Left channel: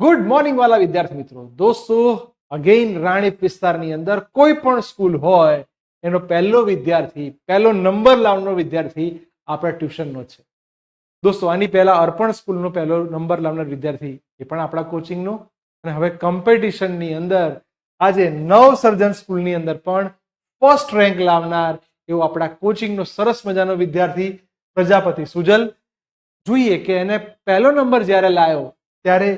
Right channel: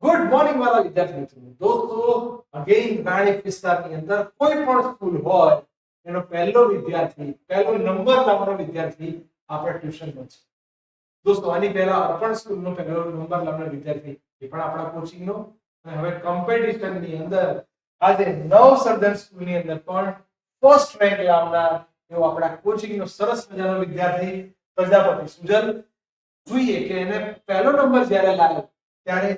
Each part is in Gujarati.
ગુડ મોર્નિંગ વાલા વિદ્યાર્થી મિત્રો. દોસ્તો, અગેઇન રાણીપ વિસ્તારની અંદર કોઈ પણ સ્કૂલ હોય એનો પહેલો વિદ્યાર્થી, પહેલો નંબર લાવવાનો વિદ્યાર્થી આપણા ટ્યુશનનો છે. દોસ્તો, આની પહેલા અર્પણ સ્કૂલનો પહેલો નંબર લાવનાર વિદ્યાર્થી એ પણ આપણા કોચિંગનો, અને હવે કોમ્પિટિશનની અંદર આજે નવસર્જન સ્કૂલની અંદર પણ ફર્સ્ટ રેન્ક લાવનાર એવો આપણા કોચિંગનો સરસ મજાનો વિદ્યાર્થી પ્રજાપતિ સુજલ. જોઈએ કે એને પહેલો નંબર જ્યારે લાવ્યો ત્યારે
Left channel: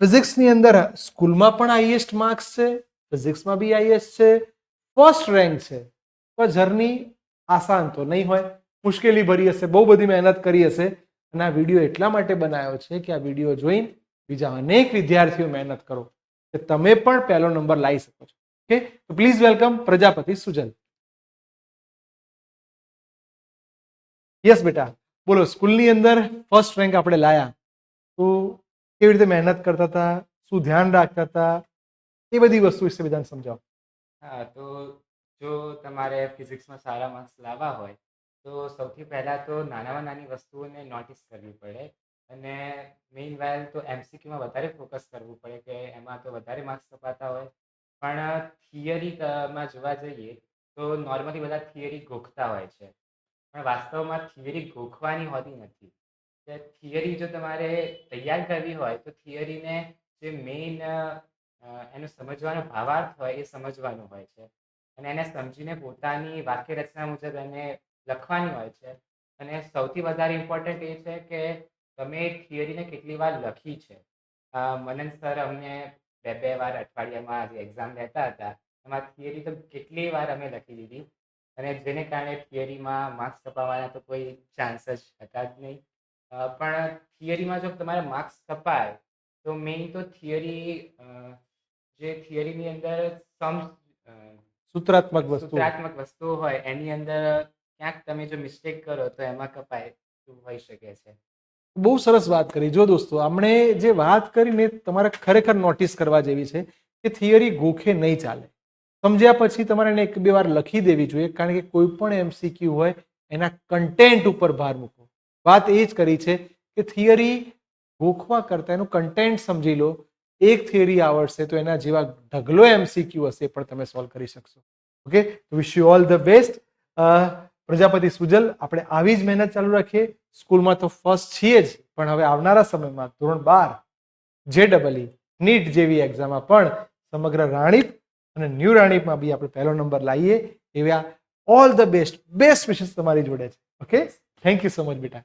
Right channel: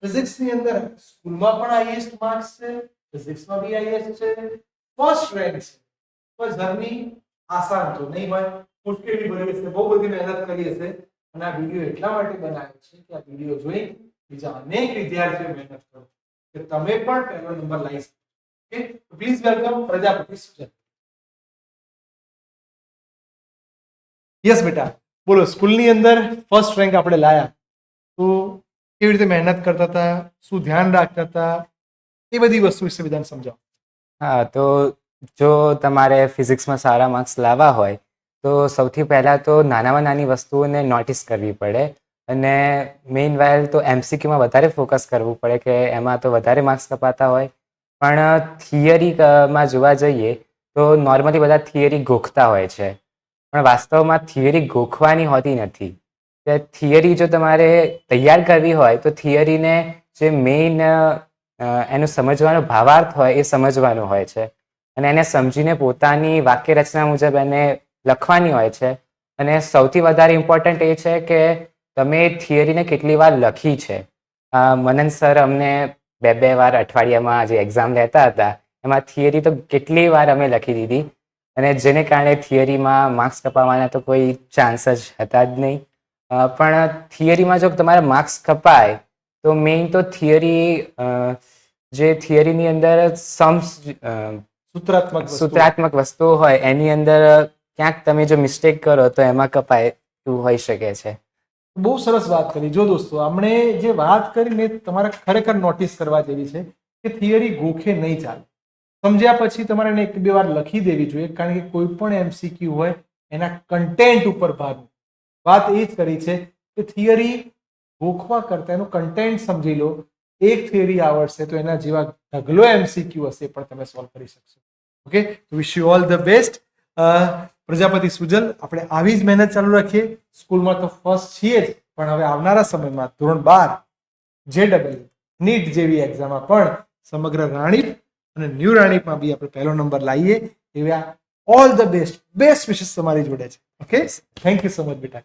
ફિઝિક્સની અંદર સ્કૂલમાં પણ હાઈએસ્ટ માર્ક્સ છે, ફિઝિક્સમાં બી હાઈએસ્ટ છે, ફર્સ્ટ રેન્ક છે. તો જર્ની આસાન તો નહીં હોય, મુશ્કેલી ભરી હશે, બહુ બધી મહેનત કરી હશે. અને આ વિડીયો એટલા માટે બનાવ્યો છે કે આ વિડીયો જોઈ બીજા અનેક વિદ્યાર્થીઓ મહેનત કરો કે તમે પણ પહેલો નંબર લાવી શકો છો. ઓકે, તો please welcome Prajapati Sujal. Yes બેટા, બોલો. સ્કૂલની અંદર ફર્સ્ટ રેન્ક આપણે લાયા તો કેવી રીતે મહેનત કરતા હતા, શું ધ્યાન રાખતા હતા, એ બધી વસ્તુ વિશે બધાને સમજાવો. હા, તો જો તમારે ફિઝિક્સમાં સારા માર્ક્સ લાવવા હોય તો સૌથી પહેલાં તો નાનામાં નાની વસ્તુઓને નોટિસ કરવી પડે. અને મેઇન વાઇલ તો એમસીક્યુમાં વધારે ફોકસ કરવું પડે કે એમાં તો વધારે માર્ક્સ કપાતા હોય. પણ થિયરીમાં જોવા જઈએ તો નોર્મલી બધા થિયરી ગોખતા હોય છે, પણ વાસ્તવમાં થિયરી ગોખવાની હોતી નથી. તે થિયરી જો તમારે તૈયાર કરવી હોય તો થિયરીને જે મેઇન એનું સમજવાનો ભાવાર્થ હોય એ સમજવાનો હોય છે, અને એને સમજીને પોતાની વાક્ય રચના મુજબ એને લખવાની હોય છે. અને સૌથી વધારે ઇમ્પોર્ટન્ટ એ છે કે તમે થિયરીને કેટલી વાર લખી છે. મનન સર અમને બે વાર અઠવાડિયામાં જે એક્ઝામ લેતા હતા એમાં થિયરી તો કેટલી વાર અમે લખી દીધી, અને જેને કારણે થિયરીમાં માર્ક્સ કપાવવાના તો કોઈ ચાન્સ જ હતા જ નહીં. પણ થિયરીમાં જો તમારા માર્ક્સ કપાય તો મેઇન તો જે થિયરીની અંદર સૂત્રાત્મક વસ્તુઓ હોય એની અંદર ક્યાંક તમે જો મિસ્ટેક કરો તો એમાં કપાય એવું હોઈ શકે છે. બહુ સરસ વાત કરી. જો દોસ્તો, આપણે જે વાત કરીને તમારે ખરેખર નોટિસ કરવા જેવી છે કે થિયરી ગોખે નહીં ચાલે. સમજ્યા પછી તમારે એને એક બે વાર લખી દેવી જોઈએ, કારણ કે કોઈ પણ એમસીક્યુ હોય એના કન્ટેન્ટ ઉપર ભાર મૂકો. વાત એ જ કરી છે કે થિયરી ગોખવા કરતા એનું કન્ટેન્ટ સમજી લો. એક થિયરી આવડશે તો એના જેવા ઢગલો એમસીક્યુ હશે પણ તમે સોલ્વ કરી શકશો. Okay, wish you all the best. Prajapati Sujal, આપણે આવી જ મહેનત ચાલુ રાખીએ. સ્કૂલમાં તો ફર્સ્ટ છીએ જ, પણ હવે આવનારા સમયમાં ધોરણ 12 JEE નીટ જેવી એક્ઝામમાં પણ સમગ્ર રાણીપ અને ન્યૂ રાણીપમાં બી આપણે પહેલો નંબર લાવીએ એવા ઓલ ધ બેસ્ટ વિશેસ તમારી જોડે છે. Okay, thank you so much બેટા.